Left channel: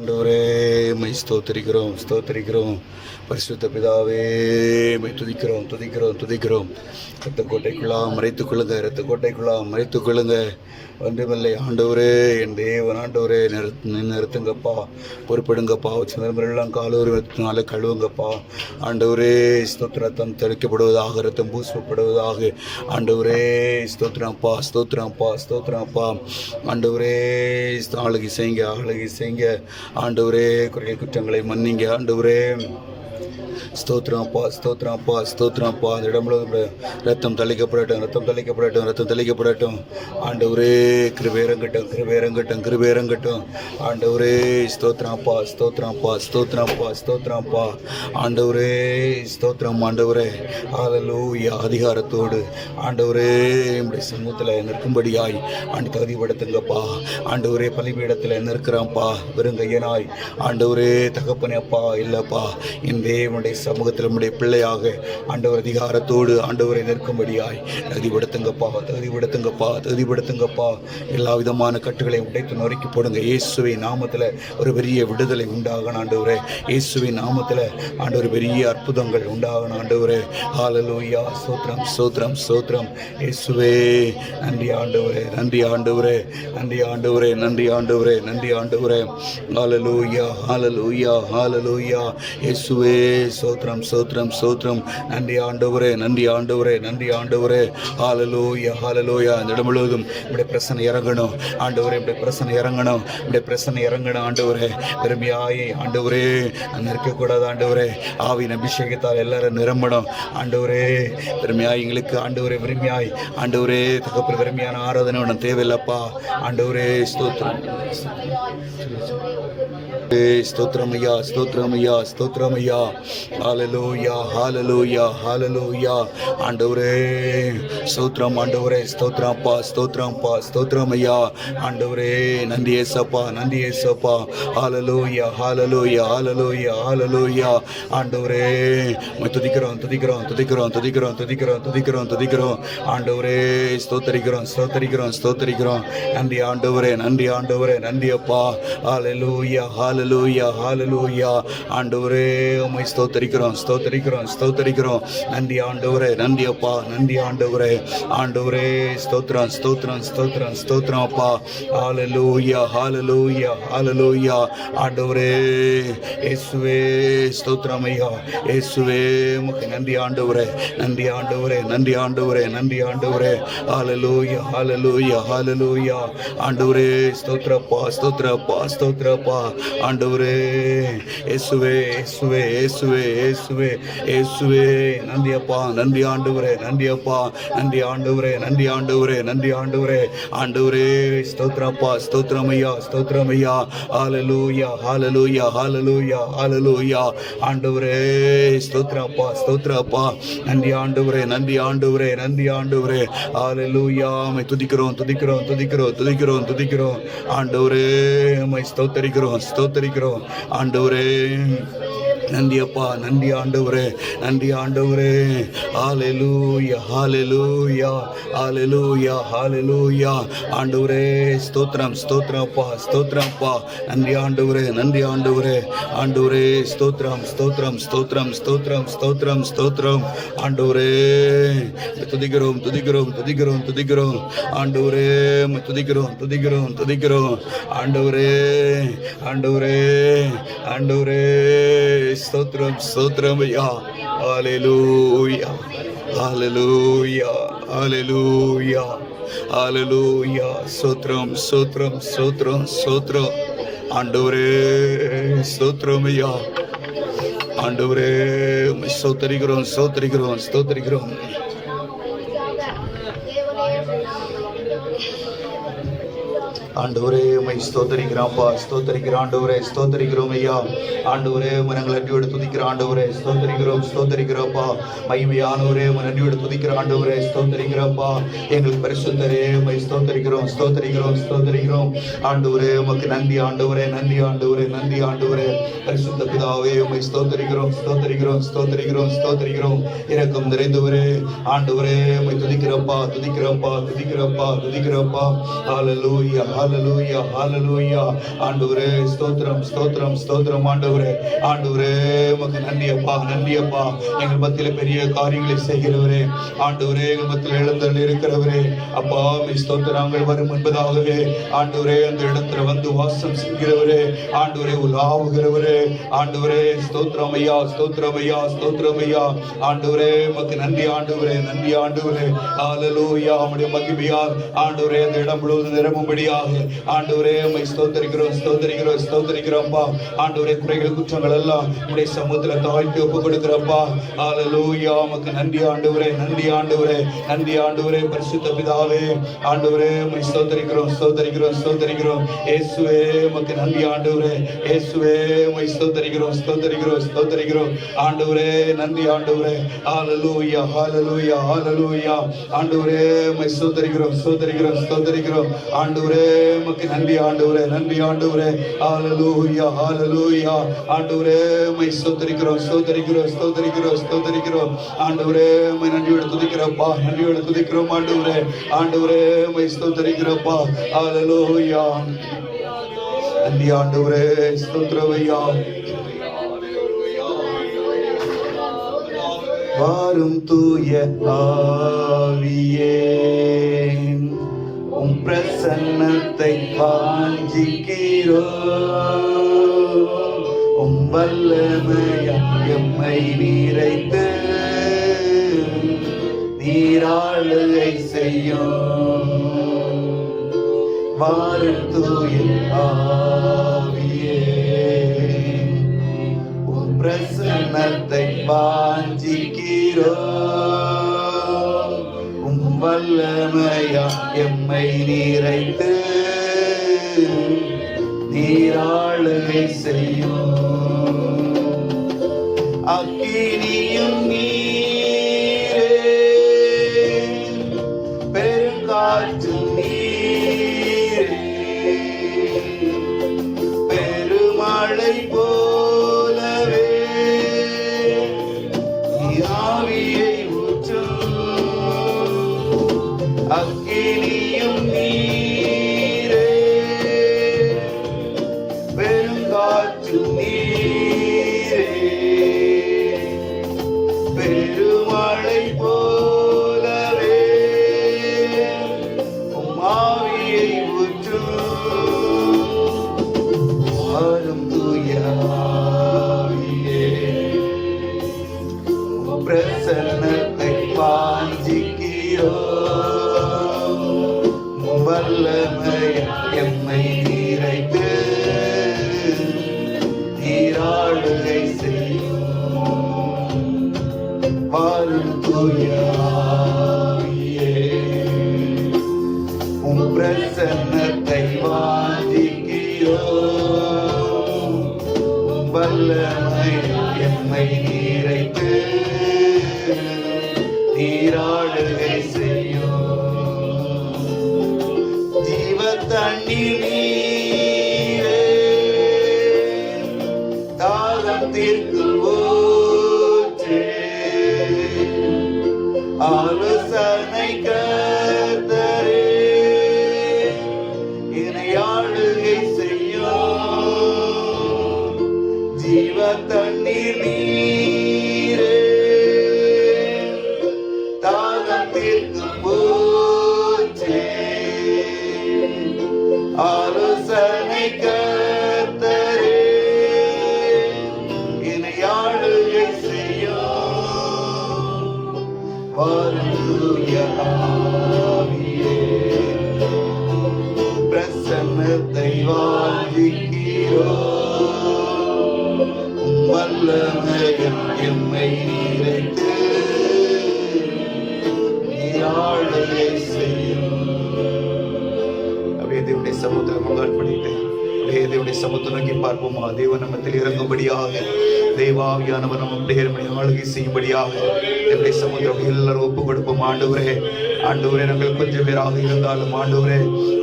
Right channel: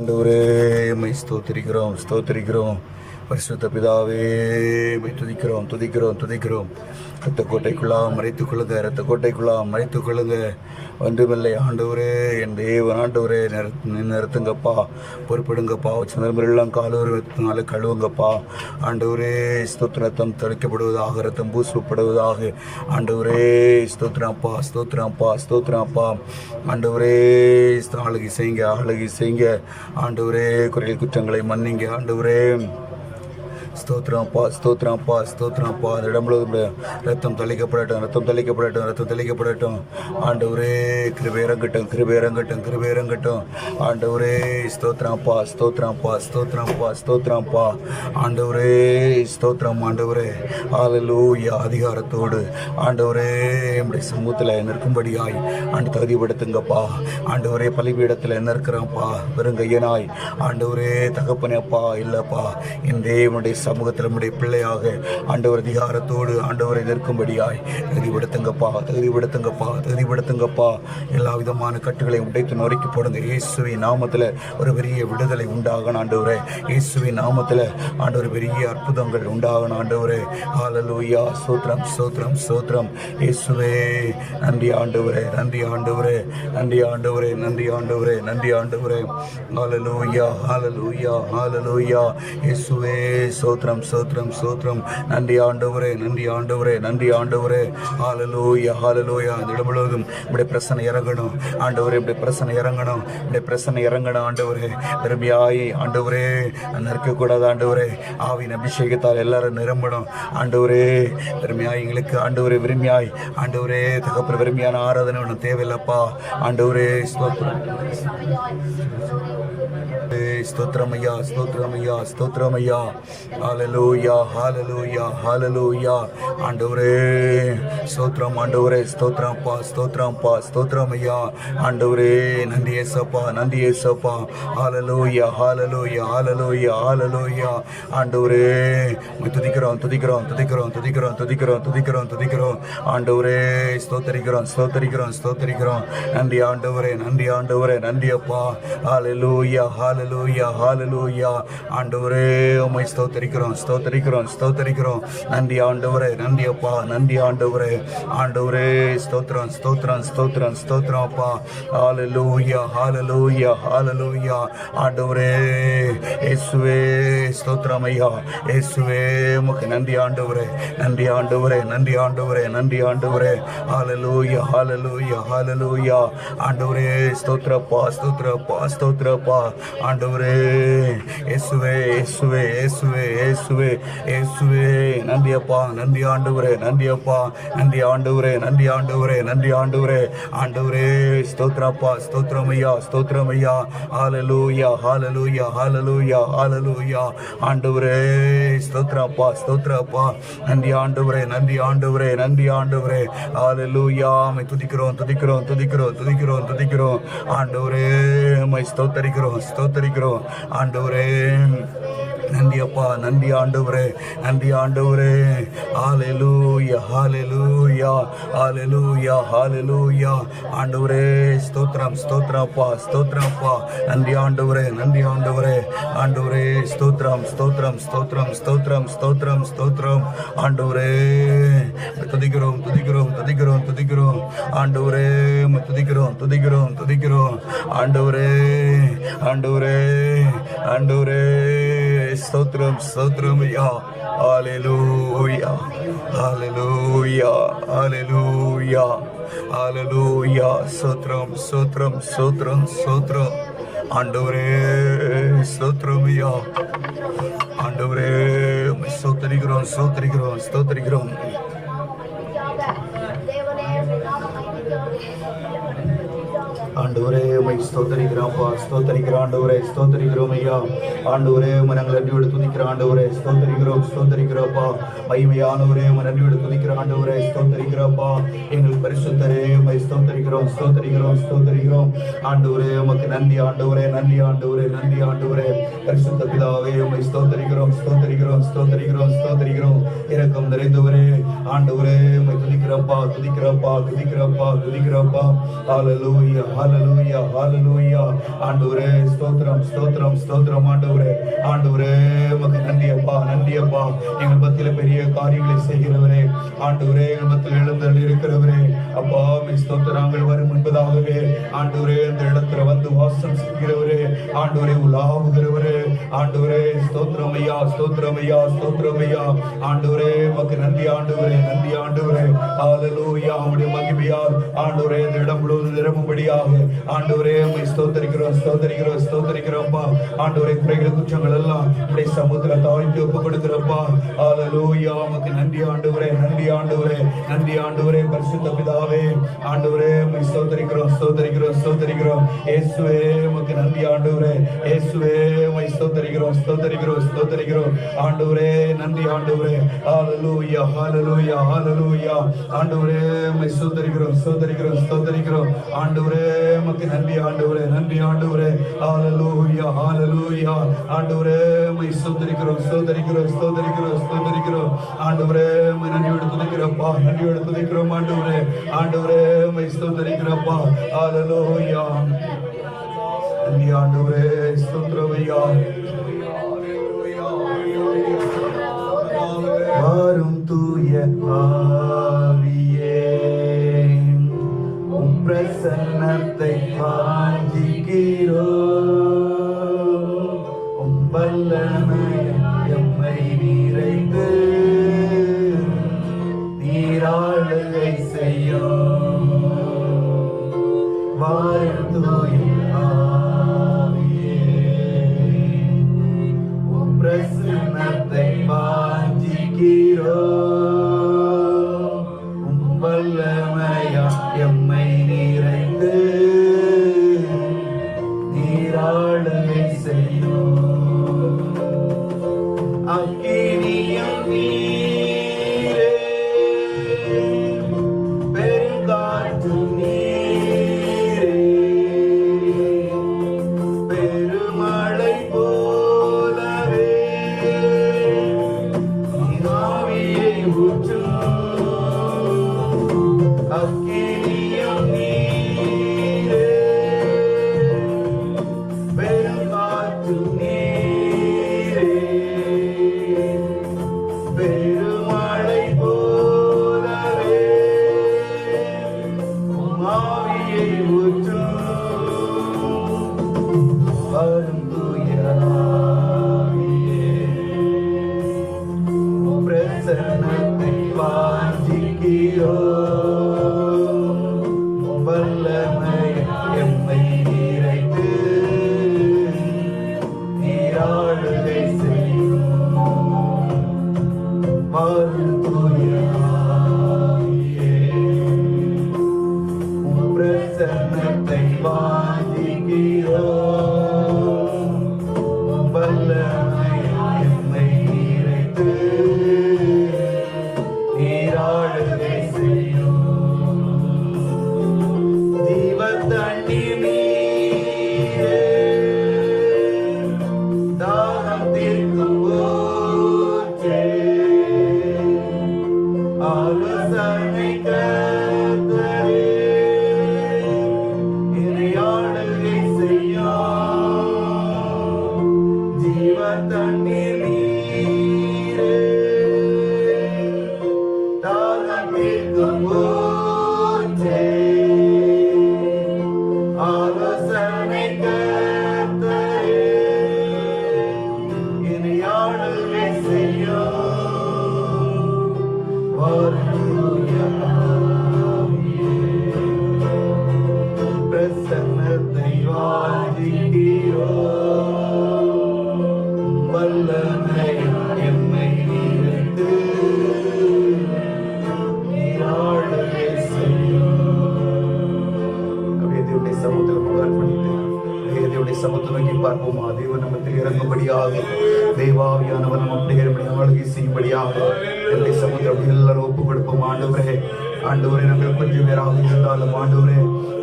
ஆண்டவரே மை ஸ்தோத்திரிக்கிறோம் ஸ்தோத்திரிக்கிறோம். பரிசுத்த பிதாவே மை துதிக்கிறோம் துதிக்கிறோம் துதிக்கிறோம். ரத்த கோட்டைக்குள்ளாம் மறைத்துக் கொள்ளுங்க, ரத்த கோட்டைக்குள்ளாம் மறைத்துக் கொள்ளுங்க. ஒன்றுமில்லை ஆண்டவரே, என் தேவன் ஆண்டவரே, நிறுத்துங்கப்பா, பொறுப்பிடுங்கப்பா. சந்திரமெல்லாம் காலூர் ரத்தினால கழுவுங்கப்பா. ஆண்டவரே ஸ்தோத்திரத்தம் தெளிக்கப்படுவதாக, ரத்தம் பூசப்படுவதாக. ஆண்டவரே ஸ்தோத்திரப்பா ஸ்தோத்திரப்பா ஸ்தோத்திரப்பா. ஆண்டவரே ஆளுகை செய்யுங்க, ஆளுகை செய்யுங்க. ஆண்டவரே குறைகள் குற்றங்களை மன்னிங்க. ஆண்டவரே ஸ்தோத்திரப்பா ஸ்தோத்திரப்பா ஸ்தோத்திரப்பா. அந்த இடம் முழுவதும் ரத்தம் தெளிக்கப்படட்டும், ரத்தம் தெளிக்கப்படட்டும், ரத்தம் தெளிக்கப்படட்டும். ஆண்டவரே கிருபை இறங்கட்டும், கிருபை இறங்கட்டும், கிருபை இறங்கட்டும். ஆண்டவரே ஸ்தோத்திரப்பா ஸ்தோத்திரப்பா ஸ்தோத்திரப்பா ஸ்தோத்திரப்பா. ஆண்டவரே ஸ்தோத்திரம். ஆண்டவரே ஹல்லேலூயா. அதிகாரத்தோடு ஆண்டவரே நம்முடைய சமூகத்தில் நிற்கும்படியாய் ஆண்டு தகுதிப்படுத்துங்கப்பா. ஆண்டவரே பலிபீடத்தில் நிற்கிறான்ப்பா வெறுங்கையனாய். ஆண்டவரே தகப்பனேப்பா இல்லப்பா, என் தேவனுடைய சமூகத்தில் நம்முடைய பிள்ளையாக ஆண்டவர் அதிகாரத்தோடு ஆண்டவரை நிற்கும்படியாய் தகுதிப்படுத்துங்கப்பா, தகுதிப்படுத்துங்கப்பா, தகுதிப்படுத்துங்கப்பா. எல்லா விதமான கட்டுகளை உடைத்து நொறுக்கி போடுங்க. இயேசுவின் நாமத்தில் ஒரு பெரிய விடுதலை உண்டாகணும் ஆண்டவரே. இயேசுவின் நாமத்தில் ஆண்டவர் பெரிய அற்புதங்கள் உண்டாகணும் ஆண்டவரே. ஹல்லேலூயா. ஸ்தோத்திரம் ஸ்தோத்திரம் ஸ்தோத்திரம். இயேசுவே நன்றி ஆண்டவரே, நன்றி ஆண்டவரே, நன்றி ஆண்டவரே, நன்றி ஆண்டவரே, நன்றி ஆண்டவரே. ஹல்லேலூயா ஹல்லேலூயா ஹல்லேலூயா. இயேசுவே ஸ்தோத்திரம் ஸ்தோத்திரம் ஸ்தோத்திரம். நன்றி ஆண்டவரே, நன்றி ஆண்டவரே, நன்றி ஆண்டவரே. ஹல்லேலூயா ஹல்லேலூயா. இந்த இடம் முழுவதும் இப்படி பிரசனை இறங்கணும் ஆண்டவரே, இப்படி பிரசனை இறங்கணும், இப்படி பிரசனை இறங்கணும் ஆண்டவரே. பெருமையாய் ஆண்டவரே நிற்கக்கூடாது ஆண்டவரே. ஆவின் அபிஷேகத்தால் எல்லாரும் நிரம்பணும் ஆண்டவரே. பெருமையாய் எங்களுக்கு ஆண்டவரே, விரும்பியாய் ஆண்டவரே தகப்பன விரும்பியான ஆராதனை ஒன்றும் தேவையில்லப்பா ஆண்டவரே. ஸ்தோத்திரம் ஸ்தோத்திரமையா ஸ்தோத்திரமையா ஸ்தோத்திரமையா. ஹல்லேலூயா ஹல்லேலூயா ஹல்லேலூயா. ஆண்டவரே ஸ்தோத்திரம் ஆண்டவரே. ஸ்தோத்திரப்பா ஸ்தோத்திரப்பா ஸ்தோத்திரமையா. ஆண்டவரே நன்றி ஏசப்பா, நன்றி ஏசப்பா. ஹல்லேலூயா ஹல்லேலூயா ஹல்லேலூயா ஹல்லேலூயா. ஆண்டவரே துதிக்கிறோம் துதிக்கிறோம் துதிக்கிறோம் துதிக்கிறோம் துதிக்கிறோம் துதிக்கிறோம் துதிக்கிறோம். ஆண்டவரே ஸ்தோத்தரிக்கிறோம் ஸ்தோத்தரிக்கிறோம் ஸ்தோத்தரிக்கிறோம். நன்றி ஆண்டவரே, நன்றி ஆண்டவரே, நன்றி அப்பா. ஹல்லேலூயா ஹல்லேலூயா ஹல்லேலூயா. ஆண்டவரே உம்மை ஸ்தோத்தரிக்கிறோம் ஸ்தோத்தரிக்கிறோம் ஸ்தோத்தரிக்கிறோம். நன்றி ஆண்டவரே, நன்றி அப்பா, நன்றி ஆண்டவரே. ஆண்டவரே ஸ்தோத்திரம் ஸ்தோத்திரம் ஸ்தோத்திரம் ஸ்தோத்திரம் அப்பா. ஹல்லேலூயா ஹல்லேலூயா ஹல்லேலூயா. ஆண்டவரே இயேசுவே ஸ்தோத்திரம் ஐயா. இயேசுவே உமக்கு நன்றி ஆண்டவரே, நன்றி ஆண்டவரே, நன்றி ஆண்டவரே, நன்றி ஆண்டவரே. ஹல்லேலூயா ஹல்லேலூயா ஹல்லேலூயா. ஆண்டவரே ஸ்தோத்திரப்பா ஸ்தோத்திரப்பா ஸ்தோத்திரப்பா. ஆண்டவரே இயேசுவே இயேசுவே இயேசுவே இயேசுவே இயேசுவே. நன்றி அப்பா, நன்றி ஆண்டவரே, நன்றி அப்பா, நன்றி ஆண்டவரே, நன்றி ஆண்டவரே, நன்றி ஆண்டவரே. ஆண்டவரே ஸ்தோத்திரப்பா ஸ்தோத்திரமையா ஸ்தோத்திரமையா. ஹல்லேலூயா ஹல்லேலூயா ஹல்லேலூயா ஹல்லேலூயா. ஆண்டவரே ஸ்தோத்திரப்பா ஸ்தோத்திரப்பா. நன்றி ஆண்டவரே, நன்றி ஆண்டவரே, நன்றி ஆண்டவரே. ஹல்லேலூயா. மை துதிக்கிறோம் துதிக்கிறோம் துதிக்கிறோம் துதிக்கிறோம் துதிக்கிறோம். ஆண்டவரே மை ஸ்தோத்தரிக்கிறோம் ஸ்தோத்தரிக்கிறோம். ஆண்டவரே நன்றி அப்பா, நன்றி ஆண்டவரே, நன்றி ஆண்டவரே. ஹல்லேலூயா ஹல்லேலூயா ஹல்லேலூயா ஹல்லேலூயா. ஆண்டவரே ஸ்தோத்திரம் ஸ்தோத்திரப்பா ஸ்தோத்திரப்பா. நன்றி ஆண்டவரே, நன்றி ஆண்டவரே. ஆண்டவரே ஸ்தோத்திரம் ஸ்தோத்திரம் ஸ்தோத்திரம் ஸ்தோத்திரம் ஸ்தோத்திரம் ஸ்தோத்திரம். ஆண்டவரே துதிக்கிறோம் துதிக்கிறோம் துதிக்கிறோம் துதிக்கிறோம். ஆண்டவரே துதிக்கிறோம் துதிக்கிறோம் துதிக்கிறோம். ஆண்டவரே ஆண்டவரே ஆண்டவரே ஸ்தோத்திரம் ஸ்தோத்திரம் ஐயா. ஹல்லேலூயா ஹல்லேலூயா ஹல்லேலூயா ஹல்லேலூயா. ஸ்தோத்திரம் ஸ்தோத்திரம் ஸ்தோத்திரம் ஸ்தோத்திரம். ஆண்டவரே ஸ்தோத்திரம் ஐயா. ஆண்டவரே ஸ்தோத்தரிக்கிறோம் ஸ்தோத்தரிக்கிறோம் ஸ்தோத்தரிக்கிறோம். ஆண்டவரே உம்மை ஸ்தோத்தரிக்கிறோம்ப்பா, ஸ்தோத்தரிக்கிறோம் ஆண்டவரே, ஸ்தோத்தரிக்கிறோம் ஐயா. ஆண்டவரே உம்மை நாங்கள் நன்றியோடு துதிக்கிறோம் ஆண்டவரே, ஸ்தோத்தரிக்கிறோம் ஸ்தோத்தரிக்கிறோம்ப்பா. மகிமையானவரே உம்மை நன்றியோடு துதிக்கிறோம் ஆண்டவரே, ஸ்தோத்தரிக்கிறோம்ப்பா. எங்களுக்கு பரிசுத்தரே உம்மை ஸ்தோத்தரிக்கிறோம் ஸ்தோத்தரிக்கிறோம் ஸ்தோத்தரிக்கிறோம். ஆண்டவரே உமக்கு நன்றி ஆண்டவரே, நன்றி ஆண்டவரே, நன்றி ஆண்டவரே. பரிசுத்த பிதாவே உம்மை ஸ்தோத்தரிக்கிறோம் ஸ்தோத்தரிக்கிறோம் ஸ்தோத்தரிக்கிறோம் ஸ்தோத்தரிக்கிறோம். இரக்கம் நிறைந்தவரே ஆண்டவரே உம்மை துதிக்கிறோம்ப்பா துதிக்கிறோம்ப்பா துதிக்கிறோம்ப்பா துதிக்கிறோம்ப்பா. ஹல்லேலூயா ஹல்லேலூயா ஹalleluya ஹalleluya. ஆண்டவரே ஸ்தோத்திரம் ஸ்தோத்திரம் ஸ்தோத்திரம். ஆண்டவரே ஆண்டவரே உமக்கு நன்றி அப்பா, நன்றி அப்பா. எங்கள் மத்தியில பெரிய காரியங்களை செய்கிறவரே, ஆண்டவரே எங்கள் மத்தியில் எழுந்தருளி இருக்கிறவரே அப்பா, ஸ்தோத்திரங்கள் வரும் என்பதாகவே ஆண்டவரே அந்த இடத்துல வந்து வாசம் செய்கிறவரே, ஆண்டவரே உலாவுகிறவரே, ஆண்டவரே ஸ்தோத்திரம் ஐயா, ஸ்தோத்திரம் ஐயா, ஸ்தோத்திரம் ஐயா. ஆண்டவரே உமக்கு நன்றி ஆண்டவரே, நன்றி ஆண்டவரே. ஹalleluya. உம்முடைய மகிமையால் ஆண்டவரே அந்த இடம் முழுவதும் நிரம்பும்படியாக ஆண்டவரே உம்மை ஸ்தோத்திரிக்கிறோம் ஸ்தோத்திரிக்கிறோம் ஸ்தோத்திரிக்கிறோம்ப்பா. ஆண்டவரே குறைகள் குற்றங்கள் எல்லாம் உம்முடைய சமூகத்துல தாழ்த்தி ஒப்பு கொடுக்கிறப்பா. ஹalleluya. உமக்கு நன்றி ஆண்டவரே, நன்றி ஆண்டவரே, நன்றி ஆண்டவரே. பரிசுத்த பிதாவே ஆண்டவரே உம்மை ஸ்தோத்திரிக்கிறோம் ஸ்தோத்திரிக்கிறோம் ஸ்தோத்திரிக்கிறோம். இயேசுவே உமக்கு நன்றி ஆண்டவரே, இயேசுவே உம்மை ஸ்தோத்திரிக்கிறோம் ஸ்தோத்திரிக்கிறோம் ஸ்தோத்திரிக்கிறோம். ஆண்டவரே நன்றி ஆண்டவரே. ஹalleluya ஹalleluya ஹalleluya. ஆண்டவரே உம்மை ஸ்தோத்திரிக்கிறோம் ஸ்தோத்திரிக்கிறோம் ஸ்தோத்திரிக்கிறோம். ஆண்டவரே உமக்கு நன்றி ஆண்டவரே, நன்றி ஆண்டவரே. ஹalleluya ஹalleluya. ஆண்டவரே உம்மை ஸ்தோத்திரிக்கிறோம் ஸ்தோத்திரிக்கிறோம் ஸ்தோத்திரிக்கிறோம் ஸ்தோத்திரிக்கிறோம். ஆண்டவரே உம்மை நன்றியோடு துதிக்கிறோம்ப்பா, நன்றியோடு துதிக்கிறோம் ஆண்டவரே. ஆண்டவரே உம்மை ஸ்தோத்திரிக்கிறோம்ப்பா. ஹalleluya. நன்றி ஆண்டவரே, ஸ்தோத்திரம் ஐயா. வாரும் தூய ஆவியே, உம் பிரசன்னத்தை வாஞ்சிக்கிறோம். உம் வல்லமையால் எம்மை நிறைத்து நீராளுகை செய்யும். வாரும் தூய ஆவியே, உம் பிரசன்னத்தை வாஞ்சிக்கிறோம். உம் வல்லமையால் எம்மை நிறைத்து நீராளுகை செய்யும். அக்கினியும் நீரே, பெருங்காற்று நீரே, பெருமழை போலவே ஆவியை ஊற்றும். அக்கினியும் நீரே, பெருங்காற்று நீரே, பெருமழை போலவே உம் ஆவியை ஊற்றும். வாரும் தூய ஆவியே, உம் பிரசன்னத்தை வாஞ்சிக்கிறோம். உம் வல்லமையால் எம்மை நிறைத்து நீராளுகை செய்யும். வாரும் தூய ஆவியே, உம் பிரசன்னத்தை வாஞ்சிக்கிறோம். உம் வல்லமையால் எம்மை நிறைத்து நீராளுகை செய்யும். ஜீவ தண்ணீர் நீரே, தாகம் தீர்க்கும் ஊற்றே, ஆலோசனை கர்த்தரே, என்னை ஆளுகை செய்யும். ஜீவ தண்ணீர் நீரே, தாகம் தீர்க்கும் ஊற்றே, ஆலோசனை கர்த்தரே, என்னை ஆளுகை செய்யும். வாரும் தூய ஆவியே, பிரசன்னத்தை வாஞ்சிக்கிறோம். உம் வல்லமையால் எம்மை நிறைத்து நீராளுகை செய்யும். அப்படியே தேவனுடைய சமுத்திரம் அர்ப்பணித்து தேவனுடைய சமூகத்தை நோக்கி பார்ப்போமா. தேவ நமத்தில் இறங்கும்படியாக தேவாவியானவர் நம்முடைய ஆளுகை செய்யும்படியாக என்னுடைய சமூகத்தை எல்லாரும் ஒப்பு கொடுப்போம். ஆண்டவரே ஆண்டவரே, நாங்கள் கொஞ்சம் பேராக இருந்தாலும் ஆண்டவரே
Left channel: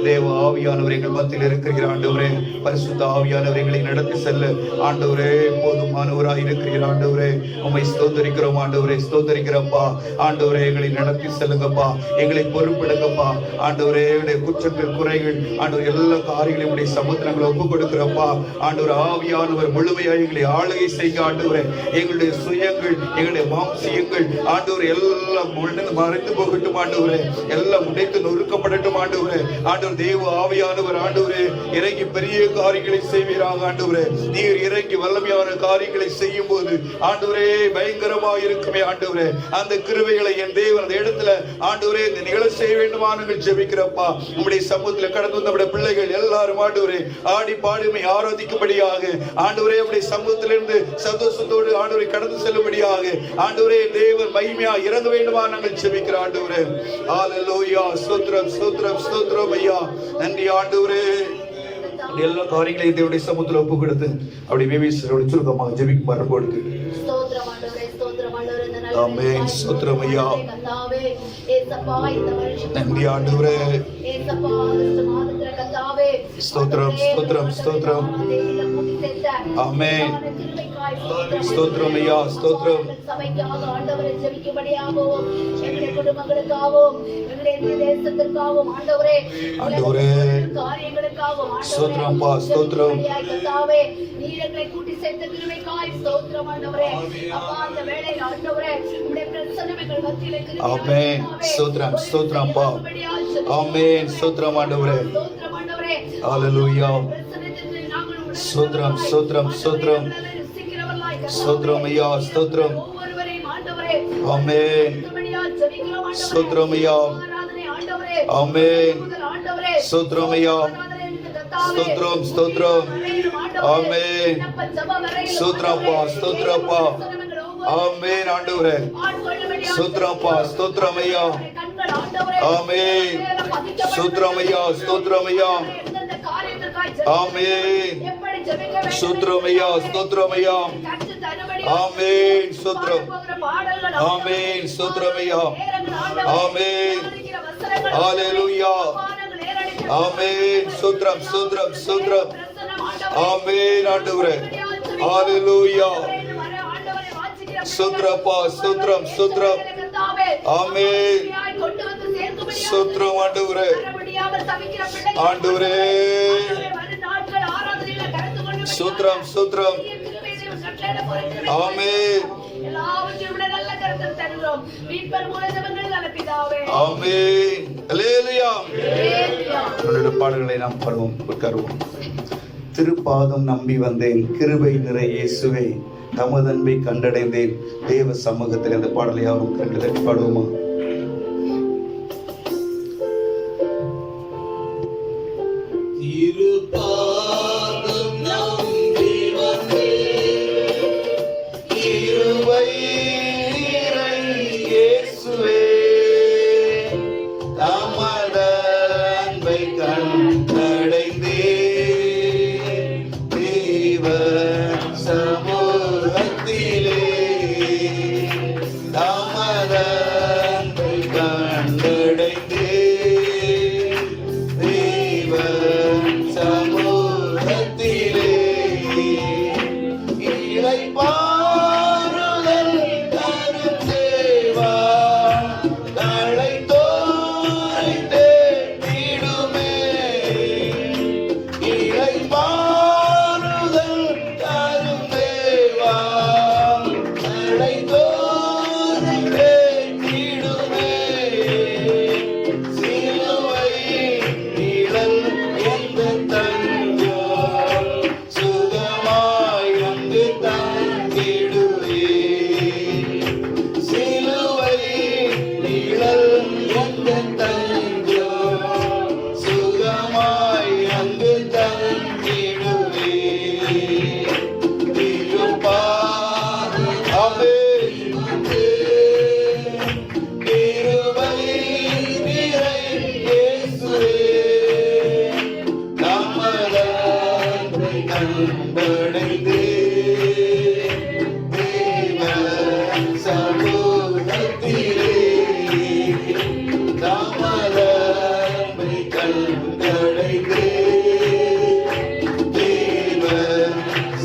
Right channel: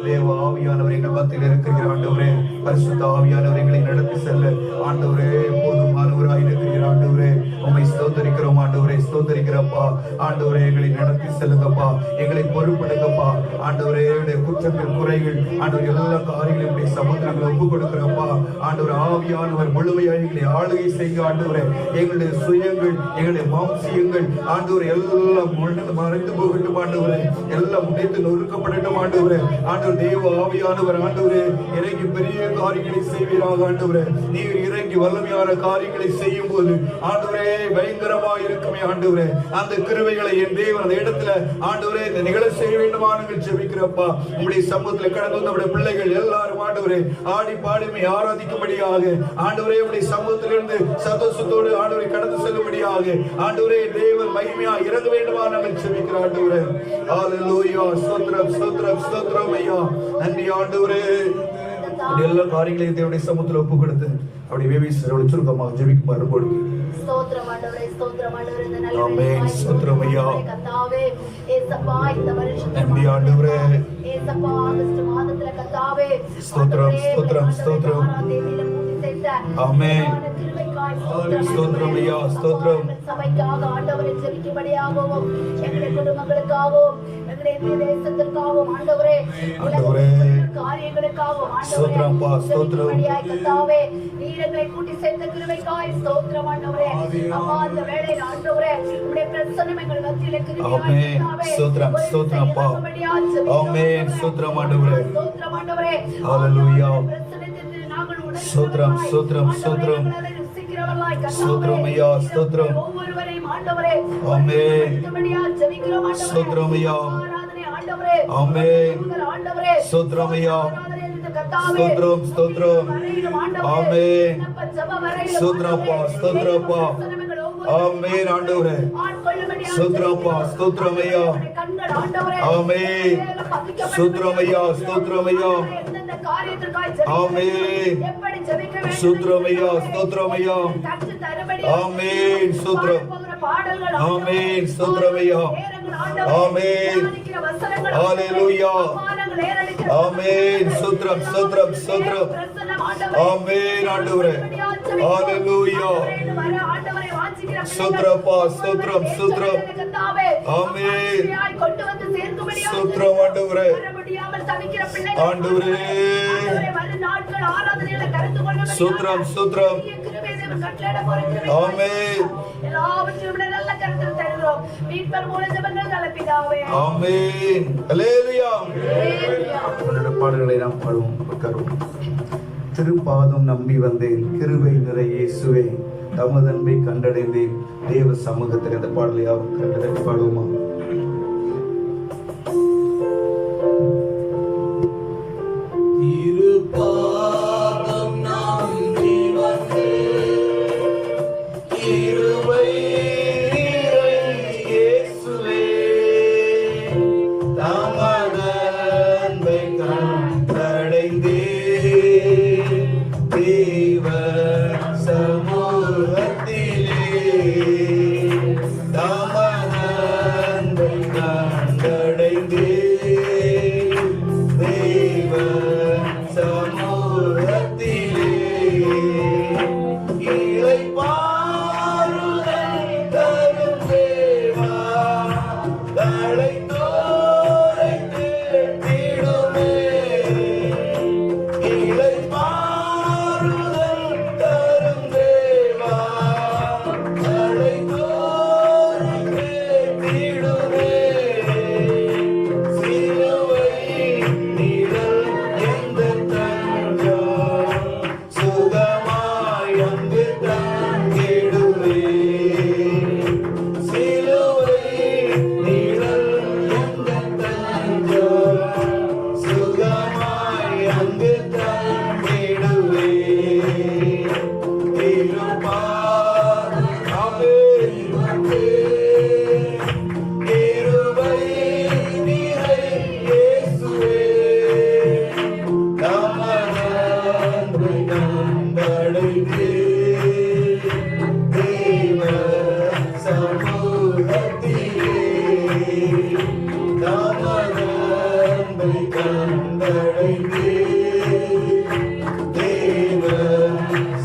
தேவ ஆவியானவர் எங்கள் மத்தியில் இருக்கிற ஆண்டவரே, பரிசுத்த ஆவியானவர் எங்களை நடத்தி செல்ல ஆண்டவரே போதுமானவராய் இருக்கிறீர் ஆண்டவரே. உம்மை ஸ்தோத்திரிக்கிறோம் ஆண்டவரே, ஸ்தோத்திரிக்கிறப்பா. ஆண்டவரே எங்களை நடத்தி செல்லுங்கப்பா, எங்களை பொறுப்பெடுங்கப்பா ஆண்டவரே. எங்களுடைய குற்றங்கள் குறைகள் ஆண்டவர் எல்லா காரியங்களையும் உடைய சமுத்திரங்களை ஒப்பு கொடுக்கிறப்பா ஆண்டவர். ஆவியானவர் முழுமையாக எங்களை ஆளுகை செய்ய ஆண்டவரே. எங்களுடைய சுயங்கள் எங்களுடைய மாம்சியங்கள் ஆண்டவர் எல்லாம் மறைந்து போகட்டும் ஆண்டவரே, எல்லாம் உடைத்து நொறுக்கப்படட்டும் ஆண்டவரே. ஆண்டவர் தேவ ஆவியானவர் ஆண்டவரே இறங்கி பெரிய காரியங்களை செய்வீராக ஆண்டவரே. நீர் இறங்கி வல்லமையான காரியங்களை செய்யும் போது ஆண்டவரே பயங்கரமாக இருக்குமே ஆண்டவரே. அந்த கிருபைகளை என் தேவன் அந்த இடத்துல ஆண்டவரே இந்த நிகழ செய்ய வேண்டுமா நாங்கள் ஜெபிக்கிறப்பா. உம்முடைய சமூகத்தில் கடந்து வந்த பிள்ளைகள் எல்லாரும் ஆண்டவரே ஆடி பாடுமை ஆராதிக்கும்படியாக ஆண்டவரே உம்முடைய சமூகத்திலிருந்து சந்தோஷத்தோடு ஆண்டவரை கடந்து செல்லும்படியாக ஆண்டவரே தேவன் மகிமையா இறங்க வேண்டுமா நாங்கள் ஜெபிக்கிறோம் ஆண்டவரே. ஹல்லேலூயா. ஸ்தோத்திரம் ஸ்தோத்திரம் ஸ்தோத்திரம் ஐயா. நன்றி ஆண்டவரே. எல்லா காரியங்களையும் தேவனுடைய சமூகத்தில் ஒப்பு கொடுத்து அப்படி வேவிசரோட சுருக்கமாக ஜெபிக்குமாறு கொடுக்கு. ஸ்தோத்திரம் ஆண்டவரே, ஸ்தோத்திரம் ஆண்டவரே. ஆமென். ஸ்தோத்திரம் ஐயா. கர்த்தாவே ஏசப்பா இந்த வருஷம் நன்றி ஆண்டவரே. ஏசப்பா ஆகஸ்ட் மாதத்துல கர்த்தாவே ஸ்தோத்திரம் ஸ்தோத்திரம் ஸ்தோத்திரம். ஆமென். ஸ்தோத்திரம் ஐயா. ஸ்தோத்திரம். சபைக்காக ஆண்டவரை ஜெபிக்கும்படியாகவும் எங்களுடைய குடும்பங்களுக்காகவும் எங்களுடைய தேசத்திற்காகவும் ஆண்டவரே ஆண்டவரே காரியங்களுக்காகவும் ஸ்தோத்திரம் பா. ஸ்தோத்திரம் கர்த்தாவே நீர் எங்களை கூட்டி சேர்த்த கிருபைக்காய் ஸ்தோத்திரம் ஆண்டவரே. அப்பா அந்த வேளையில் ஆண்டவரே உம்முடைய பிரசன்னம் எங்கள் மத்தியிலே கிருபையாய் ஆமென். ஸ்தோத்திரம் ஸ்தோத்திரம் பா. ஆமென். ஸ்தோத்திரம் ஆண்டவரே. ஸ்தோத்திரம் ஆண்டவரே. ஹல்லேலூயா. பிரசன்னத்திற்கு நாங்கள் உடனே ஸ்தோத்திரம் ஸ்தோத்திரம் ஸ்தோத்திரம். ஸ்தோத்திரம் ஐயா. ஸ்தோத்திரம். ஒவ்வொருவரையும் ஆண்டவரே ஆமென். ஜெபிக்கிறோம் ஆண்டவரே. ஸ்தோத்திரம் ஐயா. ஆராதனை ஆண்டவரே. ஆமென். ஆண்டவரே ஸ்தோத்திரம் ஐயா. ஸ்தோத்திரம் ஸ்தோத்திரம். ஆமென். ஸ்தோத்திரப்பா ஸ்தோத்திரப்பா. ஆமென் ஆண்டவரே. ஸ்தோத்திரப்பா ஸ்தோத்திரம் ஐயா. ஆமென். ஸ்தோத்திரம் ஐயா. ஸ்தோத்திரம் ஐயா. ஆமென். ஸ்தோத்திரம் ஐயா. ஸ்தோத்திரம் ஐயா. ஆமென். ஸ்தோத்திரம். ஆமென். ஸ்தோத்திரம் ஐயா. ஆமென். ஹல்லேலூயா. ஆமென். ஸ்தோத்திரம் ஸ்தோத்திரம் ஸ்தோத்திரம். ஆமென் ஆண்டவரே. ஹல்லேலூயா. ஸ்தோத்திரப்பா ஸ்தோத்திரம் ஸ்தோத்திரம். ஆமென். ஸ்தோத்திரம் ஆண்டவரே. ஆண்டவரே ஸ்தோத்திரம் ஸ்தோத்திரம். ஆமென். ஆமென். ஹல்லேலூயா. உங்களுடைய பாடல்களை நாம் பாடுவோம். உட்காருவோம். திருப்பாதம் நம்பி வந்தேன், கிருபை நிறை இயேசுவே, தமது அன்பை கண்டடைந்தேன். தேவ சமூகத்தில் இந்த பாடலை யாரும் கண்டதை பாடுவோமா?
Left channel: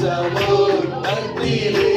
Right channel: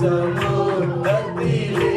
சமூகத்திலே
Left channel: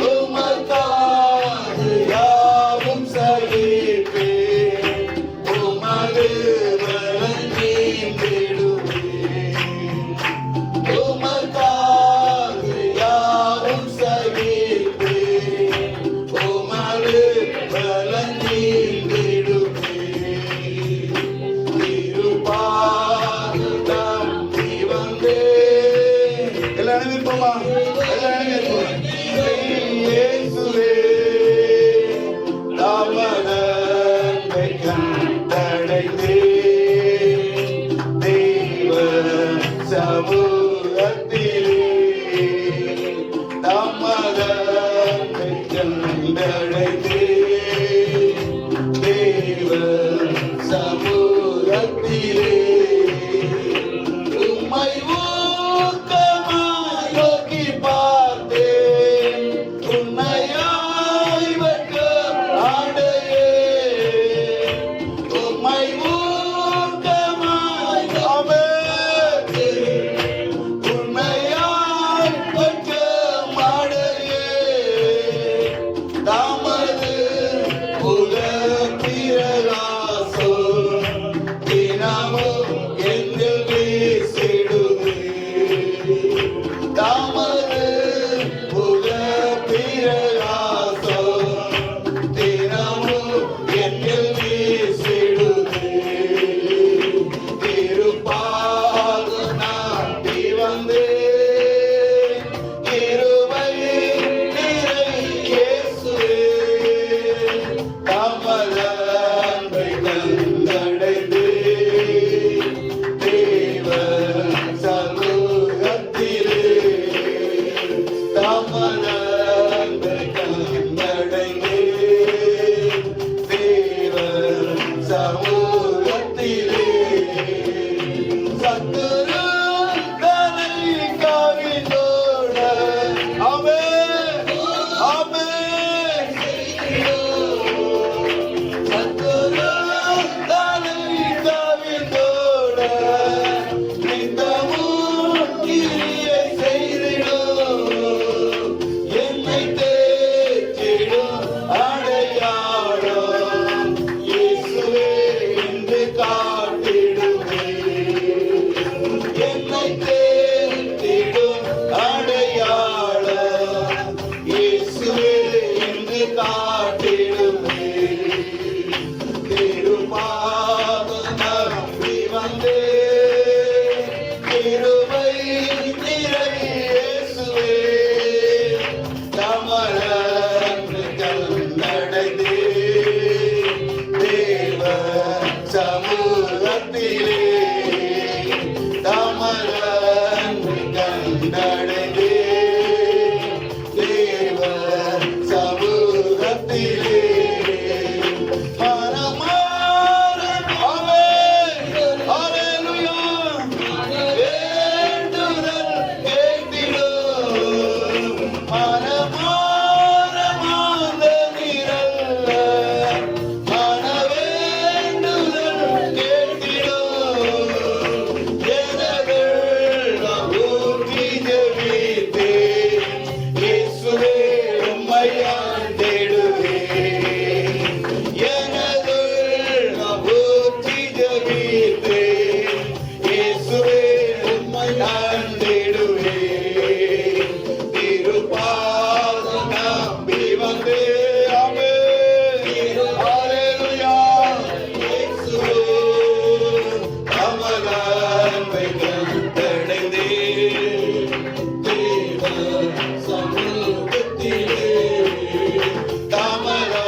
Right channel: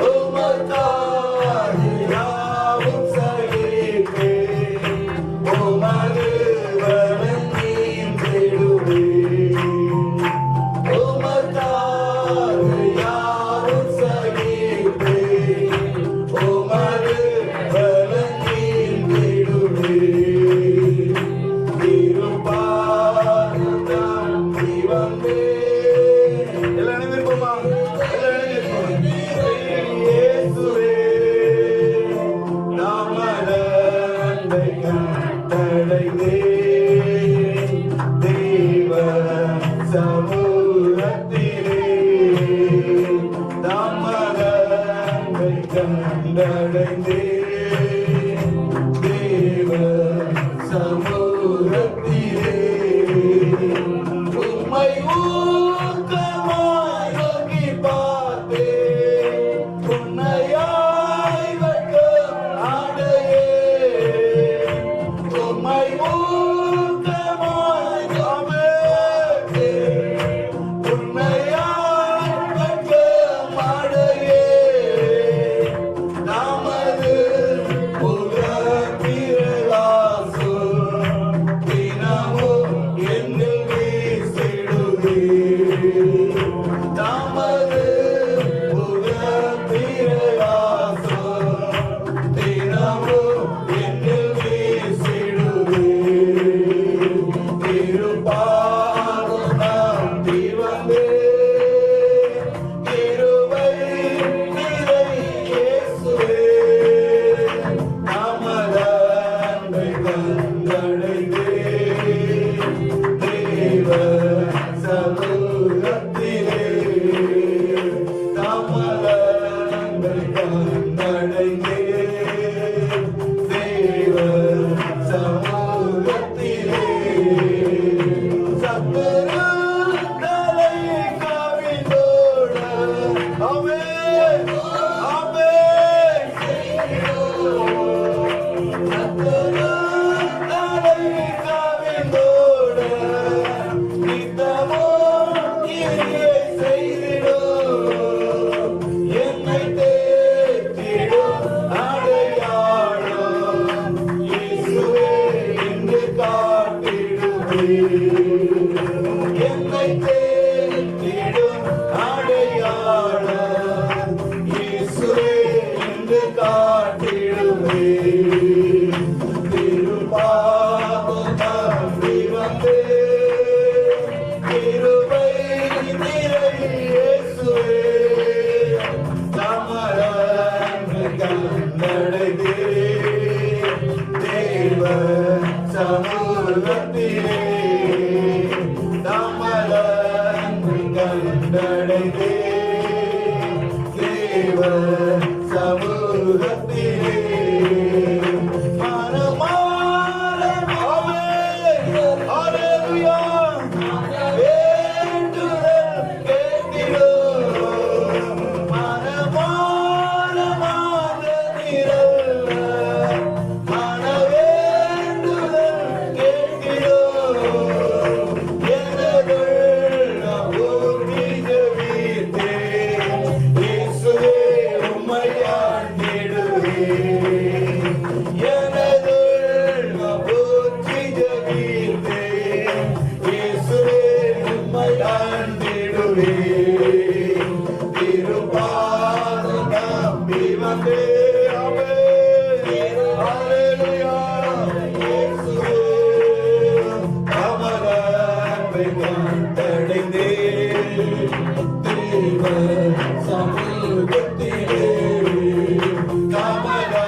Oh my God. வந்தே. ஆமென். ஹalleluya. இயேசுவே தமது அன்பை கண்டடைந்தே. தேவ சமூகத்திலே தமது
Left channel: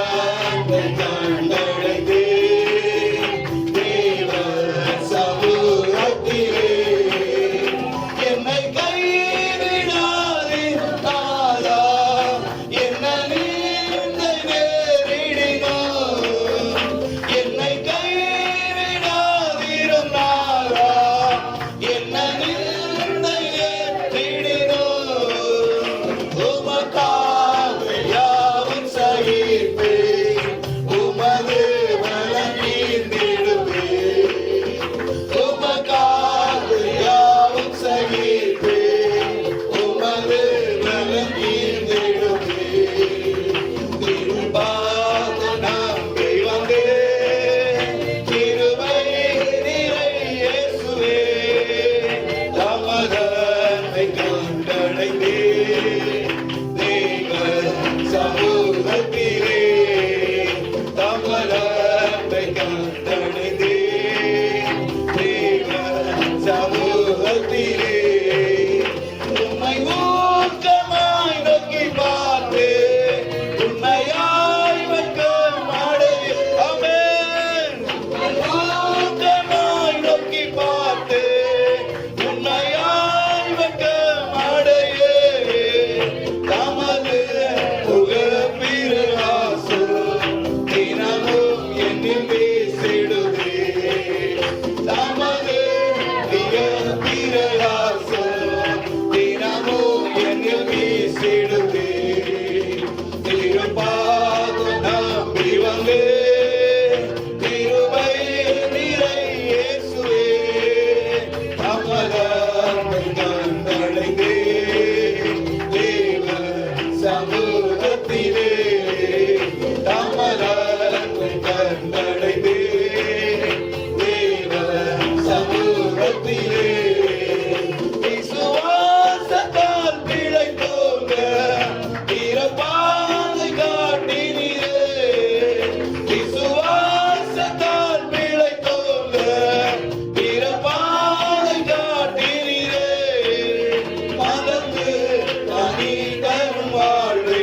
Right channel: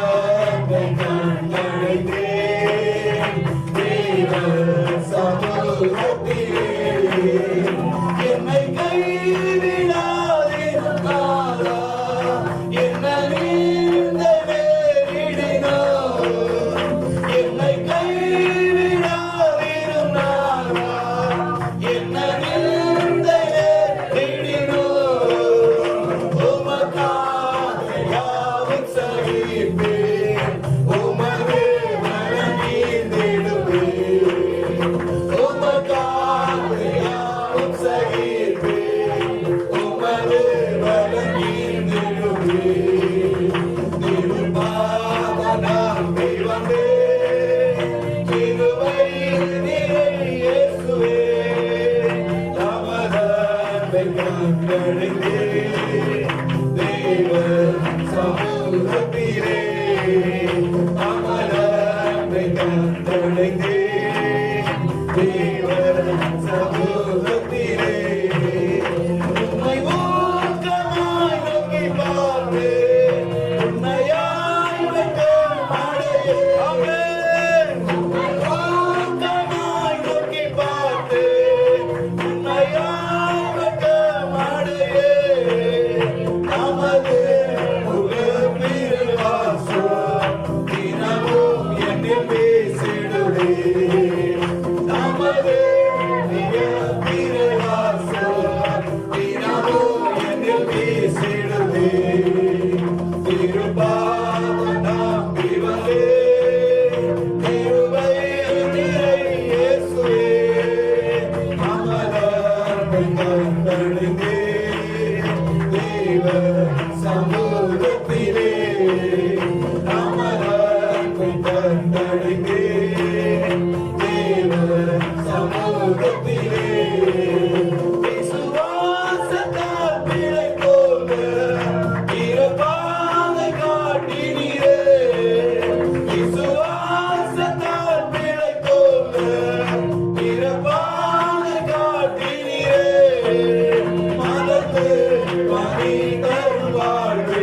அன்பை கண்டடைந்தே. தேவ சமூகத்திலே என்னை கைவிடாதீர் நாதா. என்ன நிந்தை நேரிடினோ என்னை கைவிடாதீரும் நாதா. என்ன நிந்தை நேரிடினோ உமக்காக யாவும் சகிப்பேன். உமது பலம் ஈர்த்திடுவேன். உமக்காக யாவும் சகிப்பேன். உமது பலம் ஈர்த்திடுவேன். திருப்பாதம் நம்பி வந்தேன். கிருபை நிறை இயேசுவே தமது அன்பை கண்டடைந்தேன். தேவ சமூகத்திலே தமது அன்பை கண்டடைந்தேன். தேவ சமூகத்திலே உம்மை ஊக்கமாய் நோக்கி பார்த்தேன். உண்மையாய் வெட்கம் அடையேன். ஆமென். உம்மை ஊக்கமாய் நோக்கி பார்த்தேன். உண்மையாய் வெட்கம் அடையேன். தமது முகப்பிரகாசம் தினமும் என்னில் பேசிடுவேன். தமது முகப்பிரகாசம் தினமும் என்னில் பேசிடுவேன். திருப்பாதம் நம்பி வந்தேன். கிருபை நிறை இயேசுவே தமது அன்பை கண்டடைந்தேன். தேவ சமூகத்திலே தமது அன்பை கண்டடைந்தேன். தேவ சமூகத்திலே விசுவாசத்தால் பிழைத்தோங்க பிறப்பாதை காட்டினீரே. விசுவாசத்தால் பிழைத்தோங்க பிறப்பாதை காட்டினீரே. மதத்து பணி தரும் வாழ்வே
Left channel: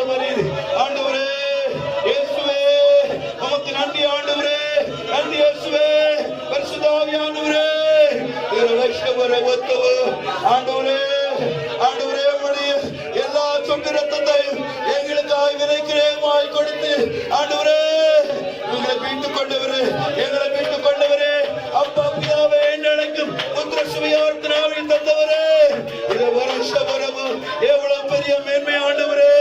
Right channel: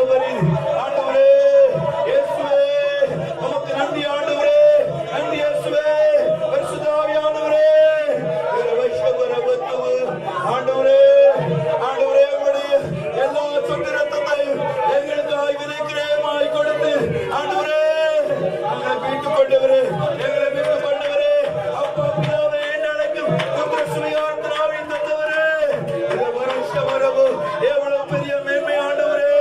வரத்தவரே ஆண்டவரே இயேசுவே உமக்கு நன்றி ஆண்டவரே நன்றி இயேசுவே பரிசுத்த ஆவியானவரே இரவஷவரவத்தவ ஆண்டவரே ஆண்டவரே உம்முடைய எல்லா சொட்டு ரத்தத்தையும் எங்களுக்காய் விதைக்கிறேமாய் கொடுத்து ஆண்டவரே எங்களை மீட்டுக் கொண்டவரே எங்களை மீட்டுக் கொண்டவரே அப்பா பிதாவே அழைக்கும் உங்க சுவையார்த்தனாவை தந்தவரே இதை வருஷவரவு எவ்வளவு பெரிய மேன்மை ஆண்டவரே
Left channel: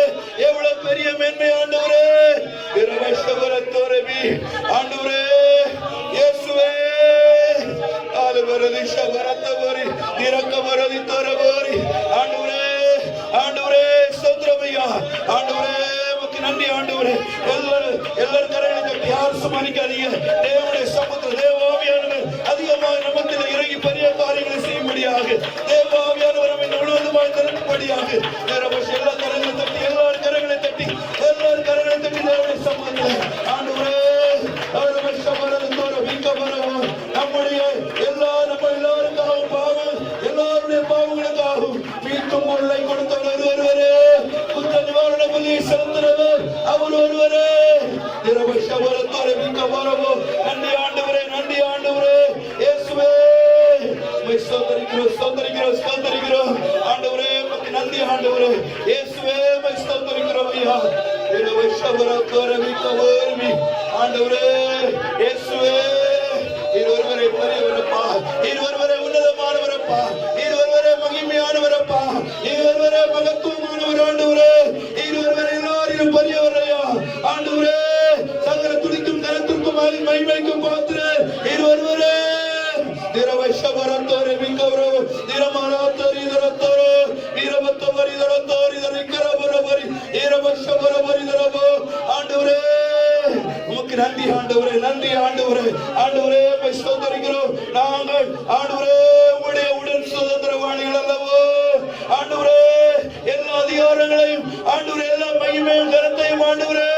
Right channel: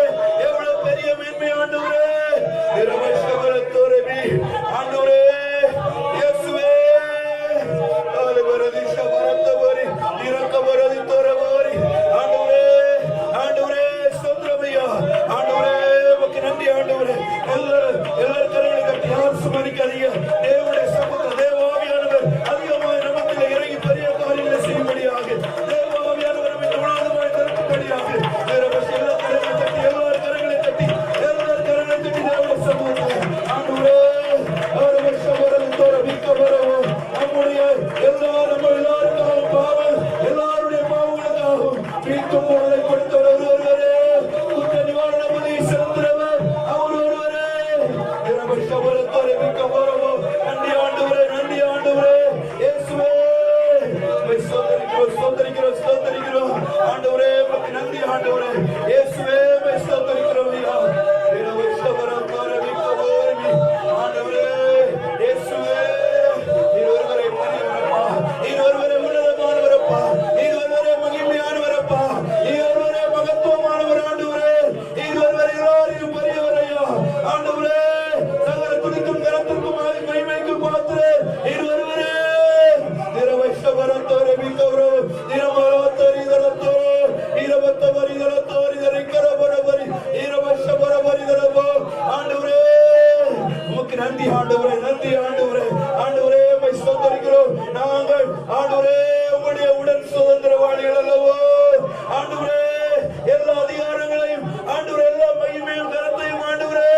எவ்வளவு பெரிய மேன்மை ஆண்டவரே இரவஷவரத்தோரவி ஆண்டவரே இயேசுவே காலை வரதி ஷவரத்தவரி திரக்க வரதி தோரவரி ஆண்டவரே ஆண்டவரே ஸ்தோத்திரமையா ஆண்டவரே உமக்கு நன்றி ஆண்டவரே எல்லாரும் கரையை கட்டி யாரும் சுமனிக்காதீங்க தேவனுடைய சமூக தேவாவியானவர் அதிகமாக நமக்கு இறங்கி பெரிய காரியங்களை செய்யும்படியாக தேவாவியானவர் முழுவதுமாய் திறக்கும்படியாக எல்லா கரைகளை தட்டி எல்லாரும் கரைகளை தட்டி தேவனுடைய சமூகத்தில் ஆண்டவரே நம்முடைய எல்லாருக்காகவும் பாவம் எல்லாருடைய பாவங்களுக்காகவும் மீட்கும் பொருளை கொடுத்தவர் ஒருவரே குற்ற நிவாரண பலி செலுத்துறவர் அவர் ஒருவரே நன்றி ஆண்டவரே நன்றி ஆண்டவரே இயேசுவே ஸ்தோத்திரிக்கிறோம் ஆண்டவரே உமக்கு நன்றி ஆண்டவரே இயேசுவே ஸ்தோத்திரிக்கிறோம் ஐயா ஆண்டவரே இயேசுவே ஒருவரை பெரியவரப்பா ஒருவரை உன்னதமானவரப்பா ஒருவரை மகிமையானவரப்பா ஒருவரை மகத்துவமானவர் ஆண்டவரே ஒருவரை எல்லாரையும் பெரியவரையா ஆண்டவரே சகல துணிக்கும் தனத்திற்கும் மகிமைக்கும் பாத்திர ஒருவரே திரவஷவரத்தோரே மிக்கவரோ திரமலாத்தரி தரத்தோரோ வீரவத்தவரி தரத்தோரி தரிக்கரவரவரி இரவஷவரவரி தரவோ ஆண்டவரே உமக்கு நன்றி ஆண்டவரே நன்றி ஆண்டவரே ஆண்டவரே ஸ்தோத்திரிக்கிறோம் நாங்கள் ஆண்டவரே உம்முடைய உடன் சுதந்திரவாளிகள் அல்லவோ ஆண்டவரே எல்லா அதிகாரங்களையும் ஆண்டவரே எல்லா மகிமையும் கருத்தையும் ஆண்டவரே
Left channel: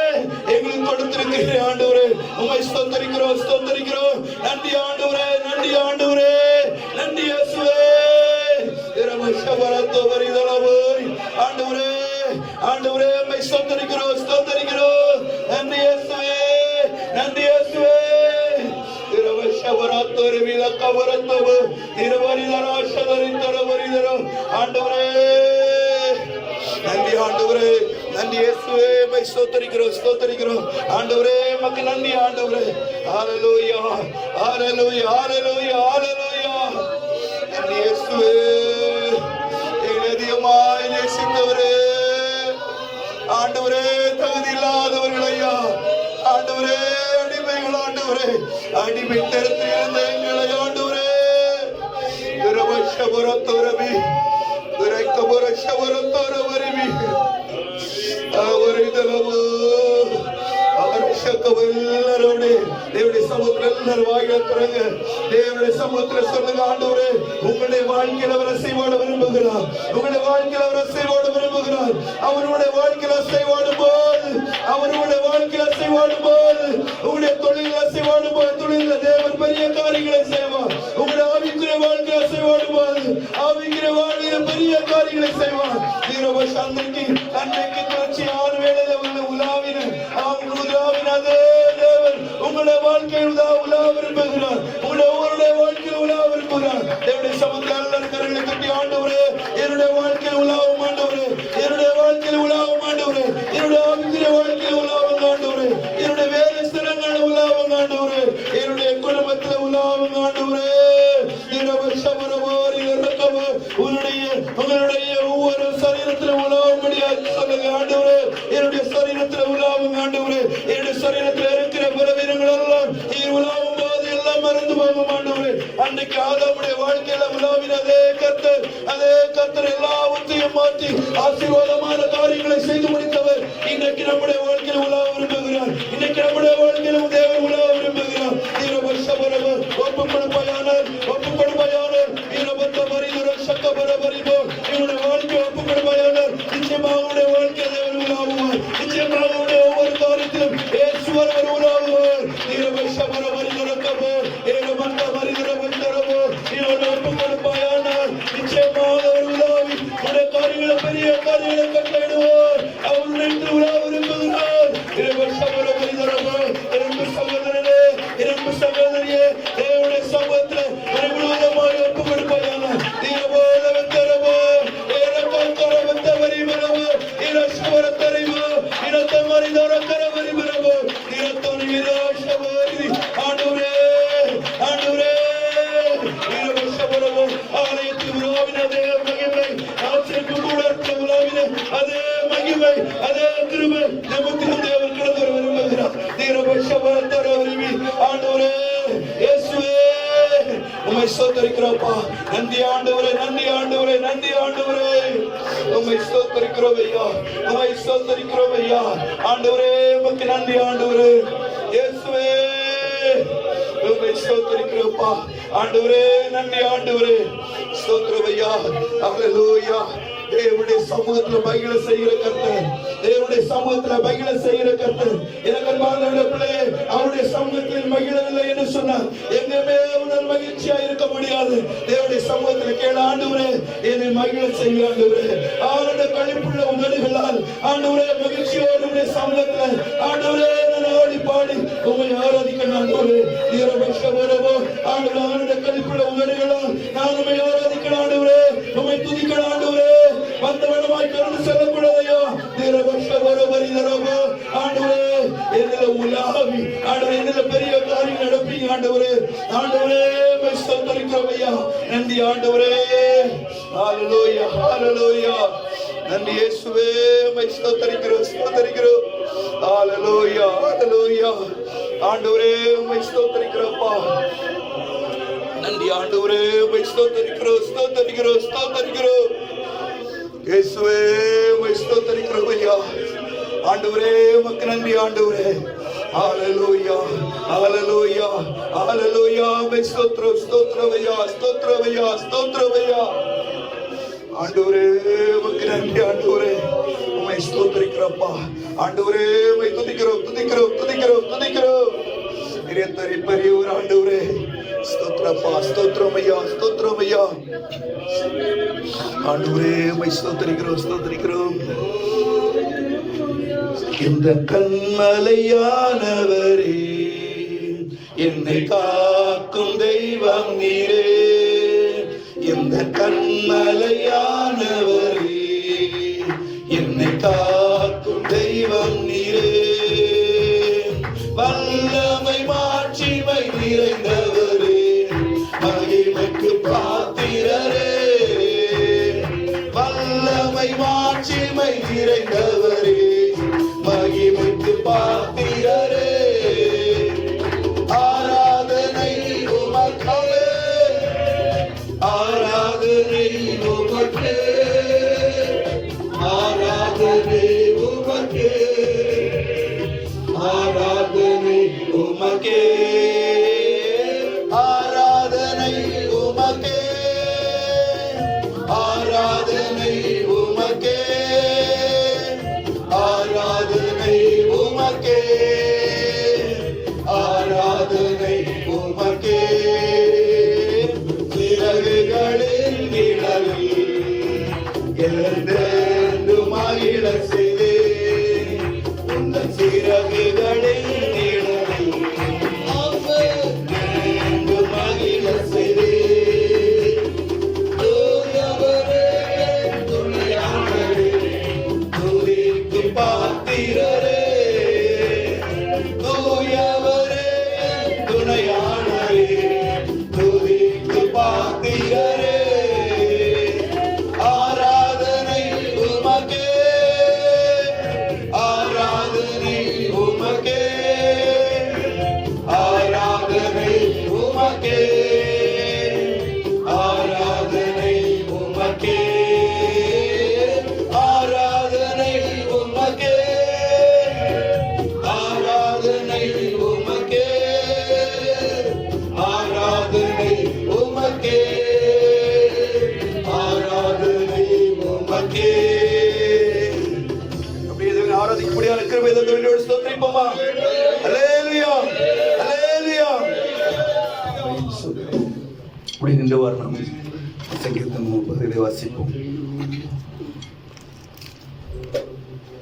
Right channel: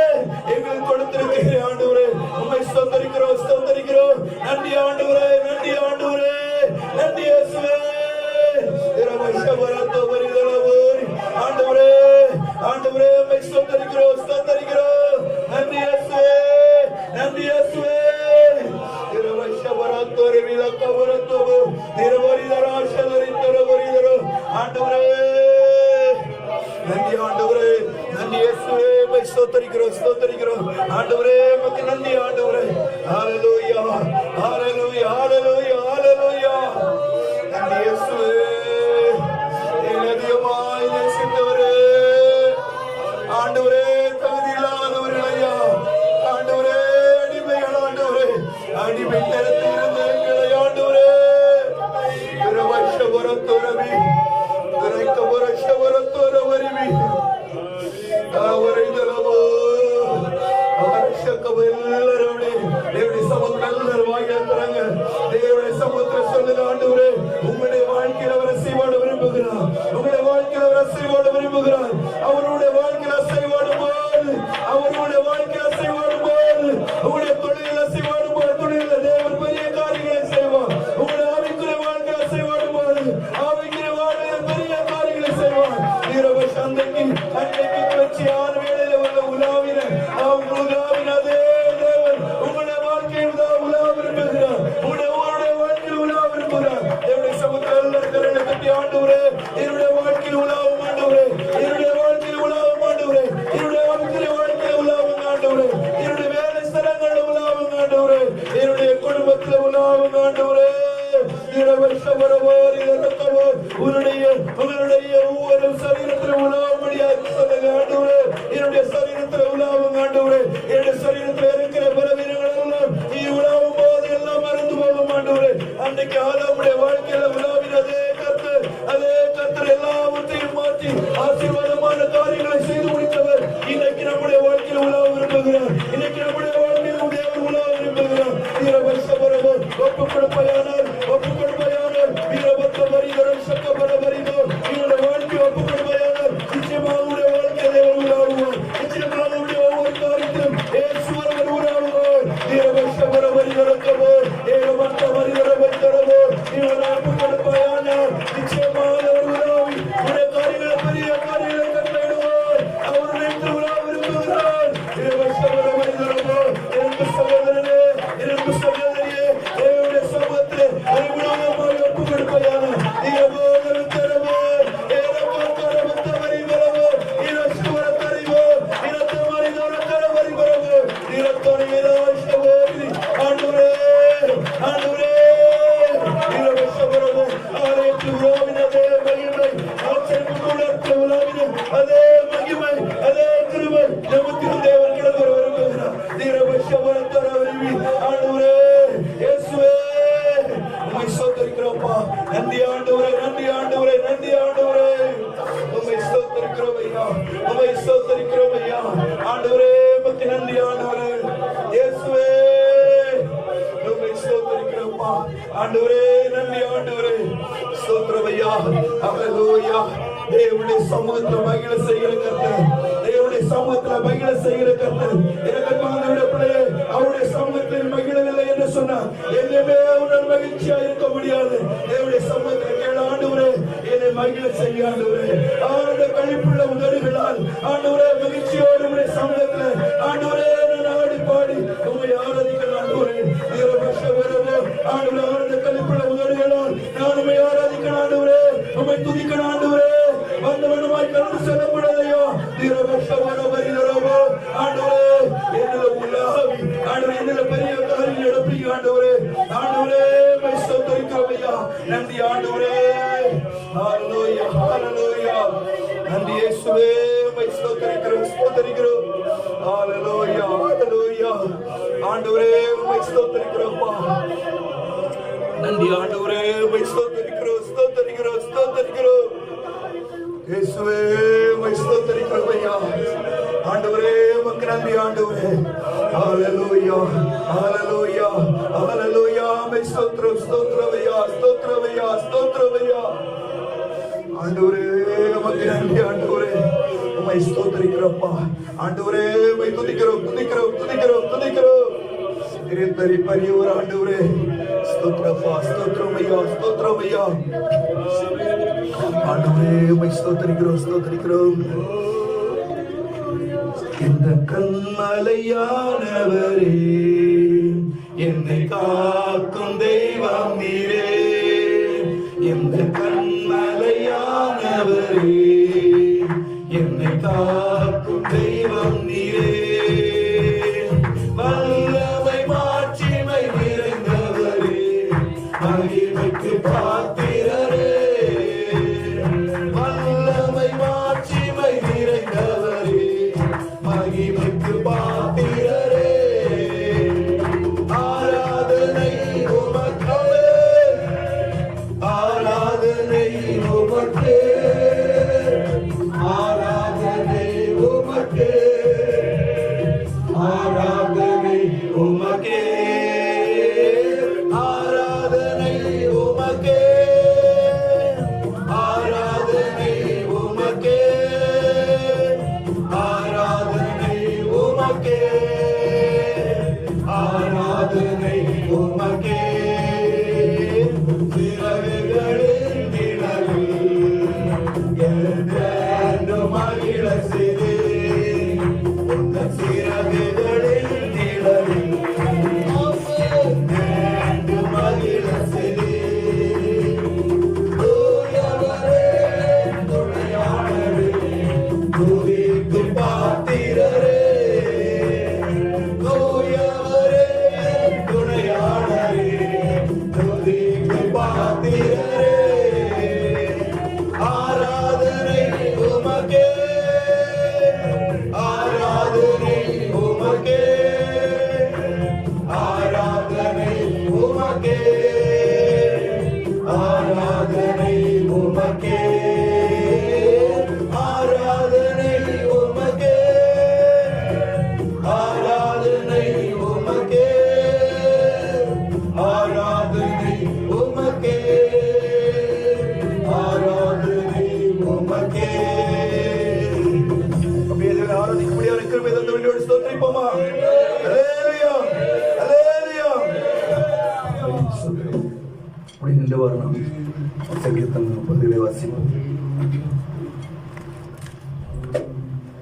எங்களுக்கு கொடுத்திருக்கிறேன் ஆண்டவரே உம்மை ஸ்தோத்திரிக்கிறோம் நன்றி ஆண்டவரே நன்றி ஆண்டவரே நன்றி இயேசுவே இரவஷவரத்தவரி தரவோரி ஆண்டவரே ஆண்டவரே உம்மை ஸ்தோத்திரிக்கிறோம் நன்றி இயேசுவே நன்றி இயேசுவே இரவஷவரத்தோரி விலக்கவரத்தவோ திருவரிதராஷதரிந்தரவரிதரோ ஆண்டவரே நன்றி ஆண்டவரே நன்றி இயேசுவே உம்மை ஸ்தோத்திரிக்கிறோம் ஆண்டவரே உமக்கு நன்றி ஆண்டவரே ஹalleluya ஹalleluya ஹalleluya ஹalleluya நன்றி இயேசுவே எங்களை அதிகமாய் நேசித்தவரே ஆண்டவரே தகுதி இல்லாதவர்களையா ஆண்டவரே அடிமைகள் ஆண்டவரே அடிமைத்தனத்தில் இருந்த எங்களை ஆண்டவரே திருவஷவரத்தோரவி திரைக்கவரஷவரத்தோரவரிவி தேவனுடைய சமுத்திரம் எல்லாரும் வாயில திறங்க தேவனுடைய சமுத்திரம் சொல்லுங்க ஆண்டவரே உங்களுடைய வாழ்க்கையில அவர் அசைவாட விரும்புகிறார் உங்களுடைய வாழ்க்கையில அவர் அசைவாட விரும்புகிறார் அவருடைய வாழ்க்கையில அசைவாடும் போது உங்களுடைய தொழில் அசைவாடும் போது தொழில தேவன் பெரிய காரியங்கள் கர்த்தர் எனக்கு அன்பானவருடைய பிள்ளையே அவருடைய சமூகத்தில் மகிழவில்லை என்று சொன்னார். எங்கேயுமே உணர் மகிழ்ச்சியா இருக்க முடியாது. தேவனுடைய சமூகத்தில் கேள, ஆண்டவரே என்னை மகிழ செய்ய ஆண்டவரே. அவருடைய கழிப்புள்ள உதடுகளால் ஆண்டவரே மகிழ்ச்சியோடு உடைய சமூகத்தில் ஆண்டவரே நான் ஆடி பாடி உம்மை ஆராதிக்க ஆண்டவரே. தீரபக்ஷவோடவோ ஆண்டவரே அவருடைய கழிப்புள்ள உதடுகளால் நான் உம்மை ஆராதிக்க ஆண்டவரே. உம்மை துதிக்க ஆண்டவரே. வந்தவனமாய் கடந்து செல்லக்கூடாதையோ. தீரபக்ஷவோட வரிதரோவோ ஆண்டவரே என்னில உலாவி ஆண்டவரே என்னில பெரிய காரியம் நடப்பீங்க ஆண்டவரே. ஆண்டவரே மை ஸ்தோத்திரிக்கிறோம் ஐயா. நன்றி ஆண்டவரே. ஹalleluya ஹalleluya. நன்றி இயேசுவே. மை ஸ்தோத்திரிக்கிறோம் ஸ்தோத்திரிக்கிறோம். ஹalleluya ஹalleluya. ஆண்டவரே மை ஸ்தோத்திரிக்கிறோம்ப்பா. நன்றி ஆண்டவரே. மை ஸ்தோத்திரிக்கிறோம் ஸ்தோத்திரிக்கிறோம் ஸ்தோத்திரிக்கிறோம். இயேசுவே மை ஸ்தோத்திரிக்கிறோம் ஐயா. ஆண்டவரே உமக்கு நன்றி ஆண்டவரே. ஹalleluya ஹalleluya ஹalleluya. மை ஸ்தோத்திரம் ஸ்தோத்திரம் ஐயா ஸ்தோத்திரம் ஐயா ஸ்தோத்திரம் ஐயா. ஆண்டவரே உமக்கு நன்றி ஆண்டவரே. உம்மை ஸ்தோத்திரிக்கிறோம்ப்பா. ஆண்டவரே உம்மை துதிக்கிறோம் துதிக்கிறோம் துதிக்கிறோம் துதிக்கிறோம். இரத்தரி பெரியவர் ஆண்டவரே. ஸ்தோத்திரப்பா ஸ்தோத்திரம் ஐயா ஸ்தோத்திரம் ஐயா. ஆண்டவரே உம்மை ஸ்தோத்திரிக்கிறோம் ஸ்தோத்திரிக்கிறோம். இந்த கண்மலையானவரே என்னை காக்கும் தெய்வம் நீரே. இந்த கண்மலையானவரே என்னை காக்கும் தெய்வம் நீரே. வல்லமை மாட்சிமை நிறைந்தவரே மகிமைக்கு பாத்திரரே. வல்லமை மாட்சிமை நிறைந்தவரே மகிமைக்கு பாத்திரரே. ஆராதனை உமக்கே ஆராதனை உமக்கே ஆராதனை உமக்கே ஆராதனை உமக்கே ஆராதனை உமக்கே ஆராதனை உமக்கே ஆராதனை உமக்கே